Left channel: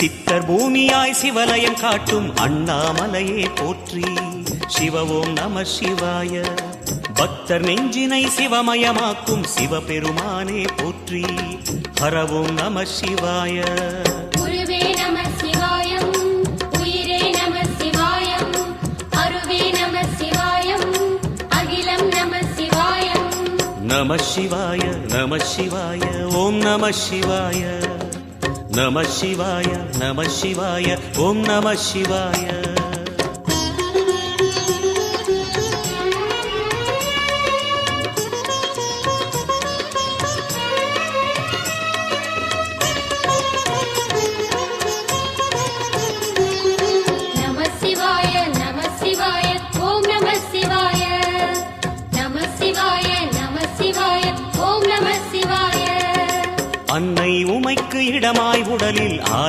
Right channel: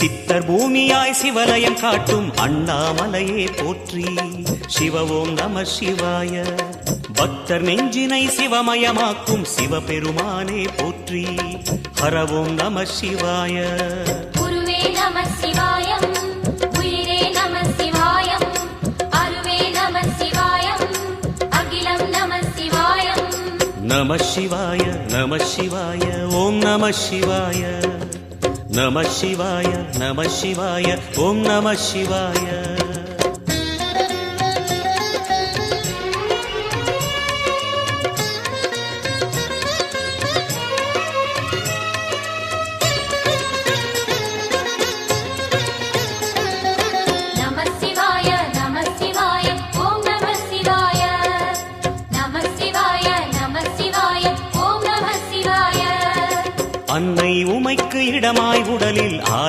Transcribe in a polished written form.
சித்தர் பூமியாய் சிவலயம் காட்டும் அண்ணாமலையே போற்றி. சிவ ஓம் நம சிவாய. பக்தர் நெஞ்சினை சிவமயமாக்கும் சிவபெருமானே போற்றி. ஹர ஓம் நம சிவாய. நம சிவாய நம சிவாய ஓம் நம சிவாய. நம சிவாய நம சிவாய ஓம் நம சிவாய. அன்னை உமைக்கு இடமாய் உடலில் ஆல